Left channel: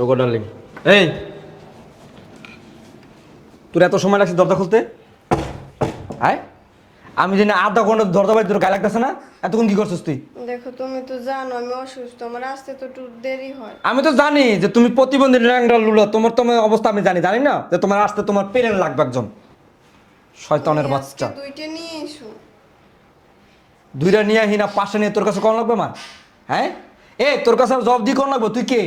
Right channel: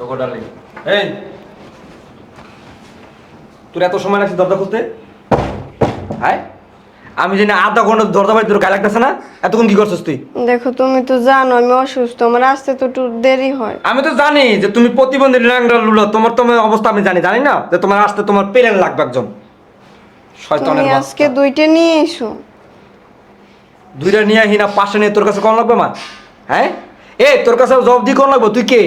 এই! তোর এত সময় লাগছে দরজা খুলতে? হ্যাঁ আমি জানি আধা ঘণ্টা দরজা বাড়ি তোর গায়ে লাগতেছে না। এতক্ষণ কি করছিস তুই? দেখো তুমি তো জানো আমি অসুস্থ আমার আসতে তো একটু দেরি হয়। আমি তো জানি যে তুমি প্রতিবন্ধী লুলো তোমার তোমার অবস্থা আমি জানি জানি না? যে তোমার আসতে তোমার পেলেন লাগবে একজন। শয়তানের তুমি আজকে দুইটা নিয়ে এসো। দুইটা নিয়ে আহি না পাশে নিয়ে তোর কাছে কম লাগবে মা? হ্যাঁ? এ তোর কাছে জবাব দিয়ে কম লাগবে? তুই কে?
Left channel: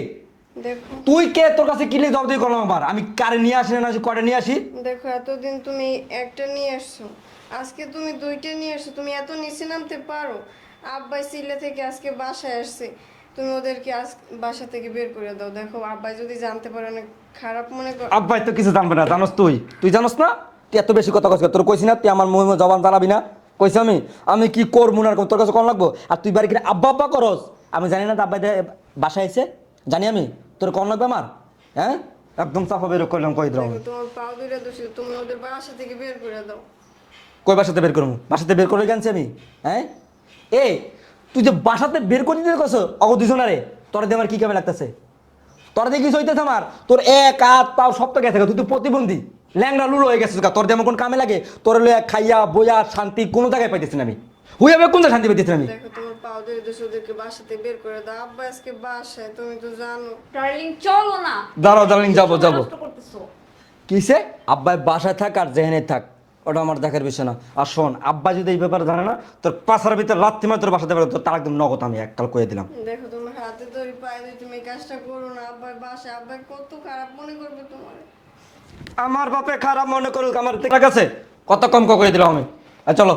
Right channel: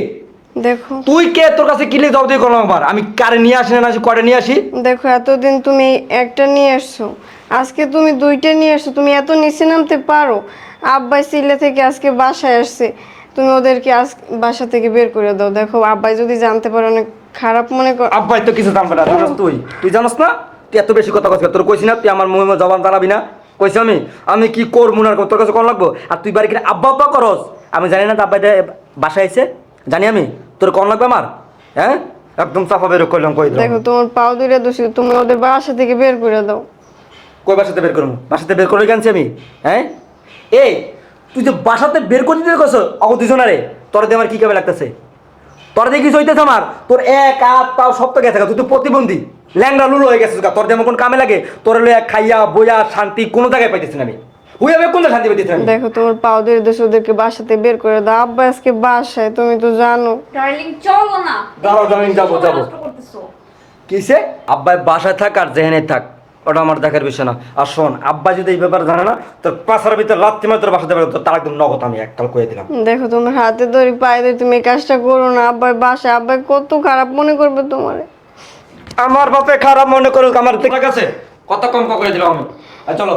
দেখো। তুই কে? তোর কাছে কিলে জবাব দিয়ে কম লাগবে আমি কারে নিয়ে আসি না আসি করে নিয়ে আসি? দেখো এতদিন তুমি একটা নিয়ে আসছো। আজকে তুমি দুইটা নিয়ে আসছো। তুমি এত নিচে নামতে পারো। আব্বাই সিলে থেকে আজকে বাসায় আসছে। তুমি ওদেরকে আজ বাসা থেকে বের করে দাও। দেখো আব্বাই যদি জানতে পারে অনেক খারাপ মনে কর আব্বাই তো কিছু জানবে না জানাস তুই। তুই জানাস না? তুই এত বেশি কথা কইছিস তোর কইছি না তুই আমার মুহে জবান জানাবি না? কইছি আমি আমি কি কর মুনার তোর কাছে কোন লাগবো? আর তুই বাড়ি কিনে আব্বা আব্বা করস। আমি জানি না তো আব্বাই বাসায় আইছে। জানি আমি তোর কোন লাগবে আমার? হ্যাঁ? একদম চাপা বেরো করলাম কই দিলাম? দেখো তোমার পাও দুইটা দোষী তুমি ওদের বাসা থেকে বের করে দাও। কই বাসাতে বের করব বাসাতে বের করে গেছি আমি হ্যাঁ? এ তুই যে বাসাতে বের করে দিতে কছ অহ দুজনারে তোর দিয়ে আমার কি কামে লাগতেছে? তোর দিয়ে কিছু হইতেছে আমার? তোর এক হাত তাও সব তো গেছে তুই তো প্রতিবন্ধী। ল্যাংড়া লুলো হয়ে গেছিস গা, তোর দিয়ে আমার কোন কামে লাগে? তোর লইয়া খাইয়া বইয়া শান্তি কোনো জায়গায় পাইতেছি না আমি। হইয়া কোন শান্তি পাইতেছি না দেখো তোমার পাও দুইটা দোষী ওদেরকে বাসাতে বের করে দাও। আব্বা আজকে বাসায় তুমি তো জানো। ডার্লিং চলো না। দাঁড়াও দাঁড়াও যাব যাব। কিসে? আব্বাই বাসায় থাক আর জেহেনে থাক। ওটা আমার দেখার বিষয় না। আর শোন আব্বা যদি এই ব্যাপারে জানে না তোর পাশার ভিতর রাত্রি মানে তোর বাসাতে বেরো তোর তার একদম নগদ আমি একটাল করে দিলাম। দেখো তোমার হাতে ধরি পায়ে ধরি তুমি এই কাজটা করো না। আব্বাই বাসায় আব্বাই কত খারাপ মনে করবে তোমার। আমার বাপে খারাপ মনে করুক আমার ঠিক আছে কত কম করে দিলাম আমি। আর চলো।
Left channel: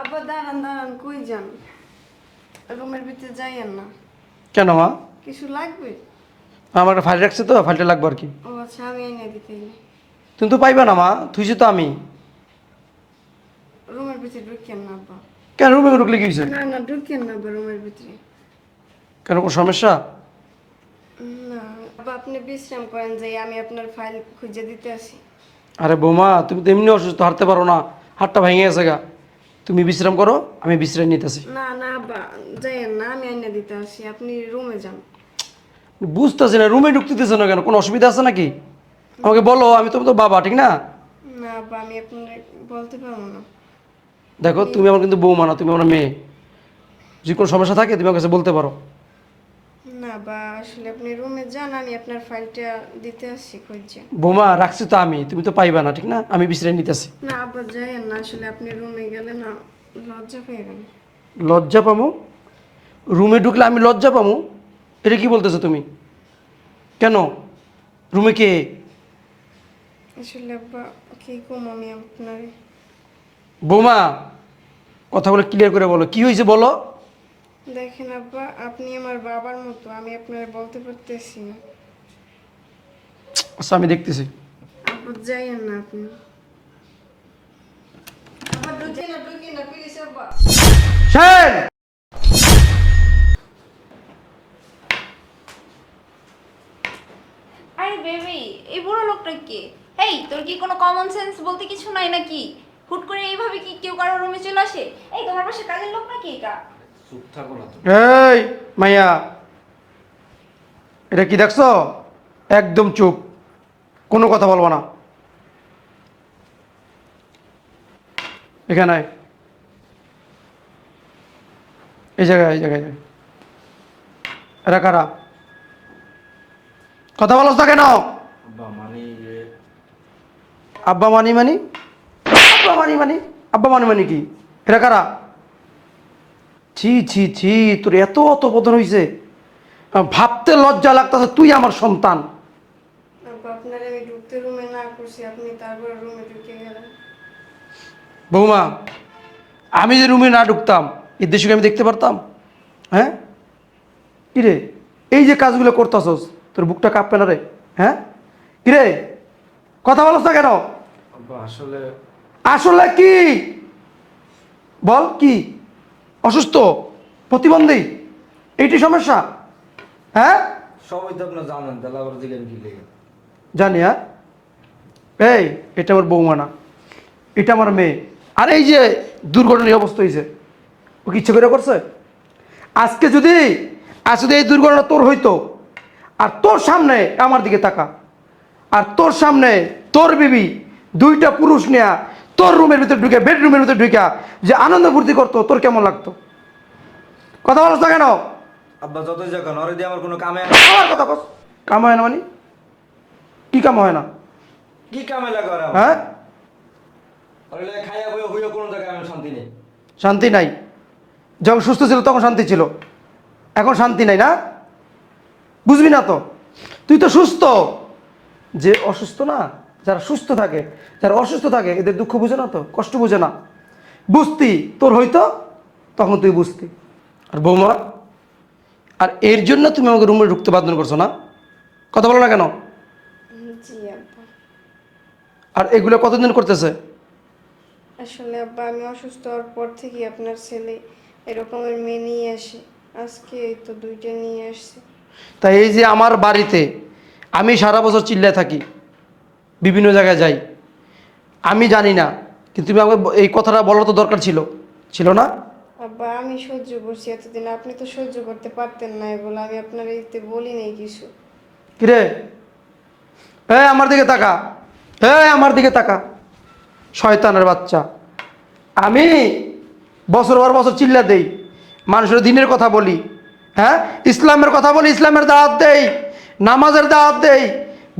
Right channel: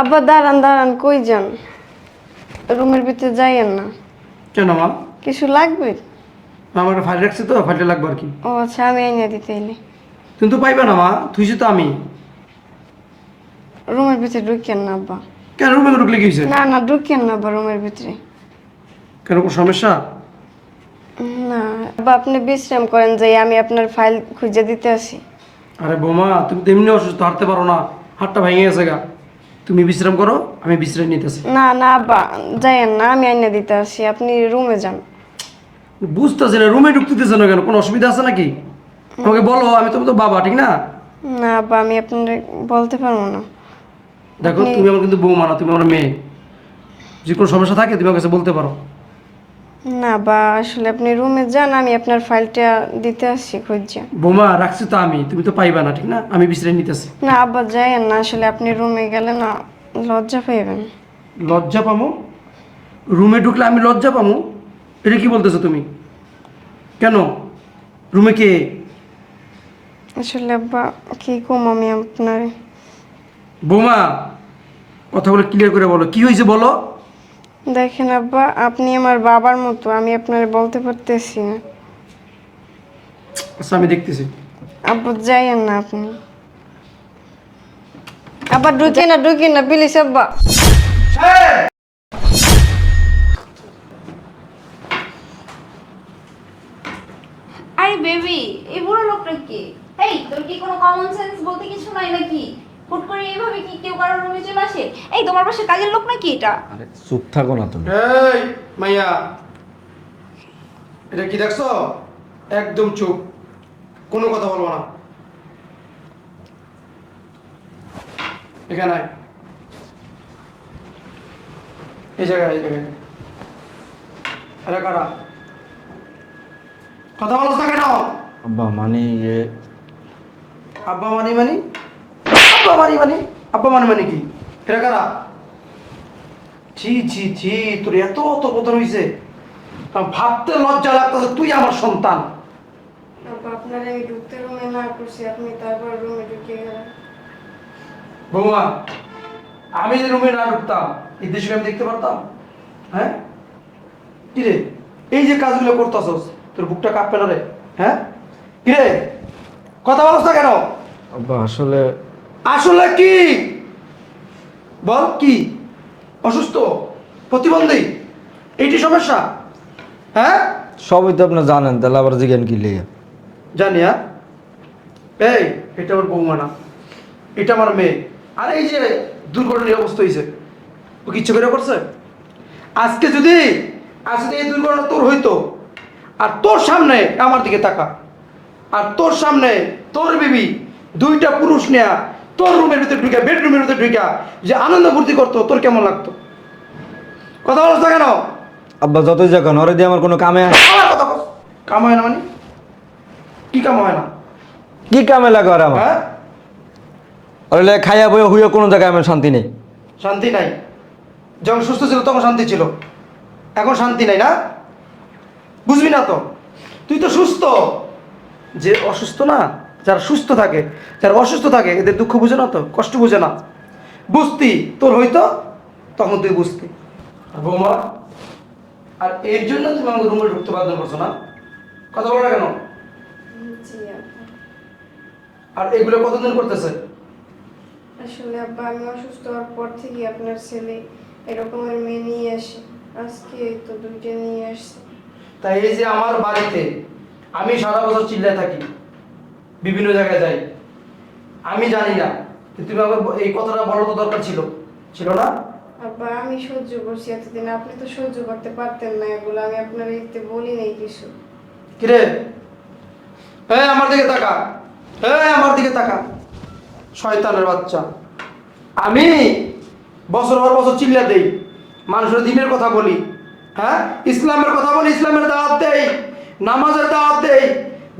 আব্বা দাঁড়ান দাঁড়ান কই যান? রুমের ভিতরে যাইয়েন না। কেন মা? কিছু লাগবে? আমার ফাইল রাখছে তো ফাইলটা লাগবে আর কি। ও আচ্ছা আমি এনে দিতে এলে তুমি তো পাইবে না মা? তুইছে তো আমি। রুমের ভিতরে ঢুকেন না আব্বা। কেন রুমে ঢুকলে কি হয়েছে? না না ঢুকেন না আব্বা রুমের ভিতরে। কেন কোনো সমস্যা? না আব্বা আপনি বিশ্রাম করেন যাই আমি আপনার ফাইল খুঁজে দিতে আসি। আরে বোমা তুমি তো এমনি অসুস্থ হারতে পারো না। হাতটা ভেঙে গেছে গা। তুমি বিশ্রাম করো আমি বিশ্রাম নিতেছি। না না আব্বা যাইয়েন না আমি এনে দিতে আসি আপনি রুমে যান। বুঝতেছি না রুমে ঢুকতে দিতেছে না কেন? কোনো অসুবিধা আছে নাকি? আমাকে বলো আমি তো তো বাবা ঠিক না? না আব্বা আমি আপনার বলতে পারব না। দেখো তুমি আমার কিন্তু বৌমা না তুমি আমার মেয়ে। যে কোনো সমস্যা থাকে তুমি আমার কাছে বলতে পারো। না বা আসলে আপনি রুমে যান আমি আপনার ফাইলটা দিতে আসছি খুঁজছে। বোমা রাখছি তো আমি তুমি তো পাইবা না ঠিক না? আমি বিশ্রাম নিতেছি। না আব্বা যাইয়েন না আসলে আপনি রুমে গেলে না লজ্জা পাইবেন। লজ্জা পামো? রুমে ঢুকলে আমি লজ্জা পামো? এটা কি বলতেছো তুমি? কেন? রুমে কে? আসলে আব্বা কি কম আমি আপনার? বৌমা কথাগুলো ক্লিয়ার করে বলো। কি হয়েছে বলো? দেখেন আব্বা আপনি আমার বাবার মতো আমি আপনার বলতে পারতেছি না। আচ্ছা আমি দেখতেছি। আব্বু যাইয়েন না আপনি। আব্বা ঢুকে না ঢুকে না প্লিজ আব্বা। আরে বেবি এই বুড়ো লোকটা কে? এই তোর কি কোনো কমন সেন্স বলতে কিছু নাই নাকি? হুট করে এইভাবে কি কেউ কারোর রুমে চলে আসে? এই তোমার পাশে কাজের লোক নাকি এটা? আরে চুপ থাকো না তুমি। এই মাইয়া। এটা কি দেখছ? একদম চুপ। কোনো কথা বলব না। এখানে এই জায়গায় এই জায়গায়। এরা কারা? কথা বলো কেন? আব্বা মানে আব্বা মানি মানি? আব্বা মানি মানি আব্বা মানি মানি কি এরা কারা? ছি ছি ছি তোর এত অত বোধন হয়েছে ভাবতে লজ্জা লাগতেছে তুই আমার সন্তান। বৌমা আমি যে রুমে না ঢুকতাম এই দেশকে আমি দেখতে পারতাম? হ্যাঁ? কিরে এই যে কাজগুলো করতেছস তোর বুকটা কাঁপবে না রে? হ্যাঁ? কিরে কথা বলছ না কেন? আসলে আসলে কি? বল কি? অসুস্থ? প্রতিবন্ধী? এইটি সমস্যা? হ্যাঁ? সবই তো আপনি জানেন তাহলে আবার জিজ্ঞান কি লিয়ে জানি হ্যাঁ? এই এটা আমার বৌমা না। এটা আমার মেয়ে। আর এই যে দুর্ঘটনার অবস্থা হয়েছে ও কিচ্ছু করে করছে? আজকে যদি আজ যদি এই দুর্ঘটনা তোর হইতো আর তোর সামনে আমার দিকে তাকা আর তোর সামনে তোর বিবি দুইটা পুরুষ নেয়া তোর রুমের ভিতরে ঢুকে বেডরুমের ভিতরে ঢুকে যে আনন্দ ফুর্তি করতো তোর কেমন লাগতো? কথা বলছ কেন? আব্বা যতই যখন ওরে দিয়ে আমার কোনো কামে কাম হয় না মানে? কি কাম হয় না? কি কামে লাগে ওরা হ্যাঁ? ওরে খাইয়া বইয়া হুইয়া কোনো জায়গায় আমার শান্তি নেই। শান্তি নাই। যখন সুস্থ ছিল তখন শান্তি ছিল। এখন শান্তি নাই না? বুঝবি না তো? তুই তো সুস্থ। যে অসুস্থ না যারা সুস্থ থাকে যারা অসুস্থ থাকে এদের দুঃখ বুঝে না তো কষ্ট বুঝে না বুঝতি তোর হইতো তখন তুই বুঝতি। আর বৌমা আর এর জন্য তুমি আমাকে রুমে ঢুকতে বাধ্য করছ না? কথা বলো না কেন? আর এগুলো কতদিন করতেছে? আসলে আব্বা আমি অসুস্থ হওয়ার পর থেকে আপনার ছেলে এরকমের মেয়ে নিয়ে আসে। আজকে তো দুইটা নিয়ে আসছে। তাই এই যে আমার বাড়িতে আমি সারা বছর চিল্লায় থাকি। বিভিন্ন জায়গায় যাই। আমি জানি না কিন্তু তুমি আমাকে এই কথাটা বলার তো দরকার ছিল। ছিল না? আব্বা আমি সহ্য করছি এতদিন। আপনি তো সহ্য করতে পারতেন না এগুলো। আমি আপনার এইতে বলি নাই কিছু। কিরে? হ্যাঁ আমার দিকে তাকা। হ্যাঁ আমার দিকে তাকা। শয়তানের বাচ্চা। আমি বছর পর বছর চিল্লা দেই। মানুষের দিনের কথা বলি। হ্যাঁ? ইসলামের কথা বলি ইসলামের দাওয়াত দেই। নামাজের দাওয়াত দেই।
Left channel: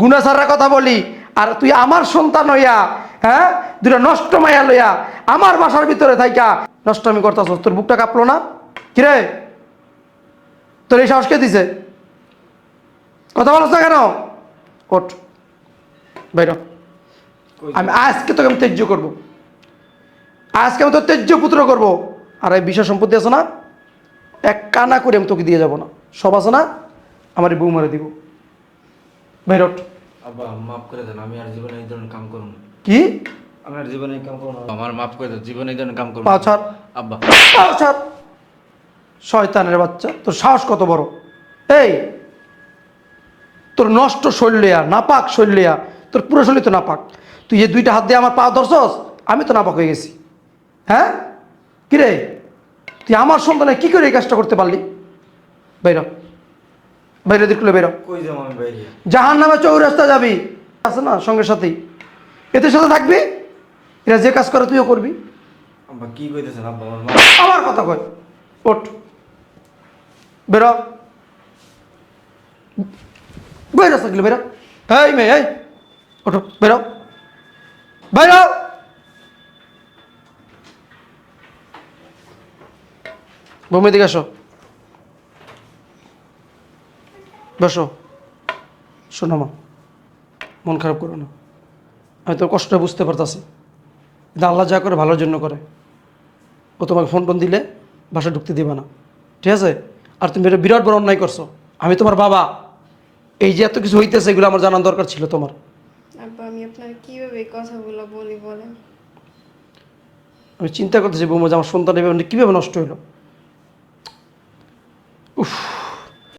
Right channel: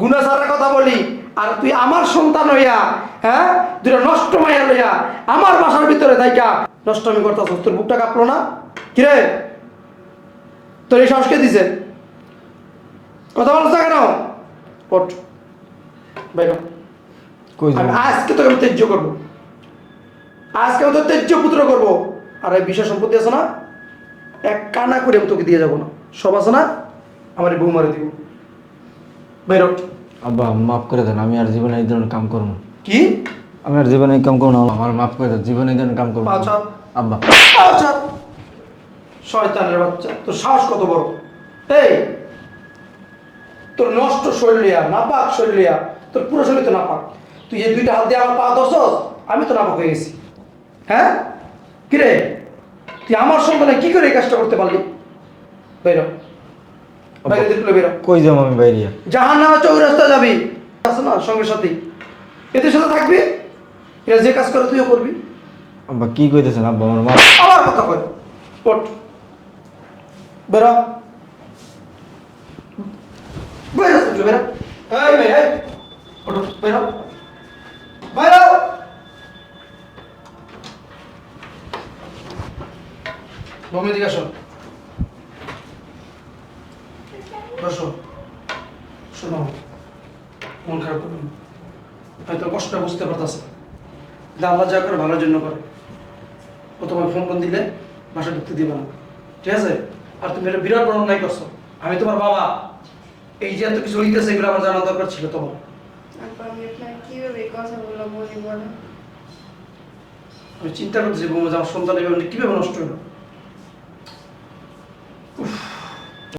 গুনাসারের কথা বলি। আর তুই আমার সন্তান হইয়া হ্যাঁ? দুটো নষ্ট মাইয়া লইয়া আমার বাসার ভিতরে থাইকা নষ্ট আমি করতেছ তোর বুকটা কাঁপলো না? কিরে? তোর এই সাহস কে দিছে? কথা বলছ না কেন? ওঠ। বেরো আমি আজকে তোকে আমি তেজ্য করব। আজকে আমি তোর তেজ্য পুত্র করব। আর এই বিষয় সম্পত্তি আছে না? এক কানা করে আমি তোকে দিয়ে যাব না। সব আছে না? আমার এই বউ মেরে দিব। বেরোট আব্বা মাফ করে দেন আমি আর জীবনে এই ধরনের কাম করব কি? আমি আর জীবনে এই কাম করব না আমার মাফ করে দেন জীবনে এই ধরনের কাম করব না। আচ্ছা। আব্বা। আচ্ছা শয়তানের বাচ্চা তোর সাহস কত বড়? এই তোর নষ্ট শরীরিয়া নাপাক শরীরিয়া তোর পুরো শরীর তো নাপাক। তুই যে দুইটা হাত দিয়ে আমার পা ধরছস আমি তো নাপাক হয়ে গেছি। হ্যাঁ? কিরে? তুই আমার সন্তানে কি করে এই কাজটা করতে পারলি? বেরো বাইরে দেখলে বেরো কই যাব আমি বাইরে? জাহান নামে চৌরাস্তা যাবি। আছে না সঙ্গে সাথেই। এদের সাথে থাকবি? এরা যে কাজ করে তুইও করবি। আব্বা কি কইতেছেন আব্বা আমার মা? আবার কথা কয়। ওঠ। বেরো। বেরো থাকলে বেরো এই মেয়ে এই। ওঠো বেরো। বেরো। ভূমি দিকে আসো। বসো। শোনো মা মন খারাপ করো না। হয়তো কষ্ট বুঝতে পারতাছে। কিন্তু আল্লাহ যা করে ভালোর জন্য করে। ও তোমাকে ফোন ফোন দিলে বাসা ঢুকতে দিবে না। ঠিক আছে? আর তুমি এটা বিরাট বড় অন্যায় করছ। আমি তোমার বাবা। এই যে এত কিছু হইতেছে এগুলো আমার জানার দরকার ছিল তোমার। আমি চিন্তা করতেছি বৌমা যে আমার সন্তান এভাবে কীভাবে নষ্ট হলো।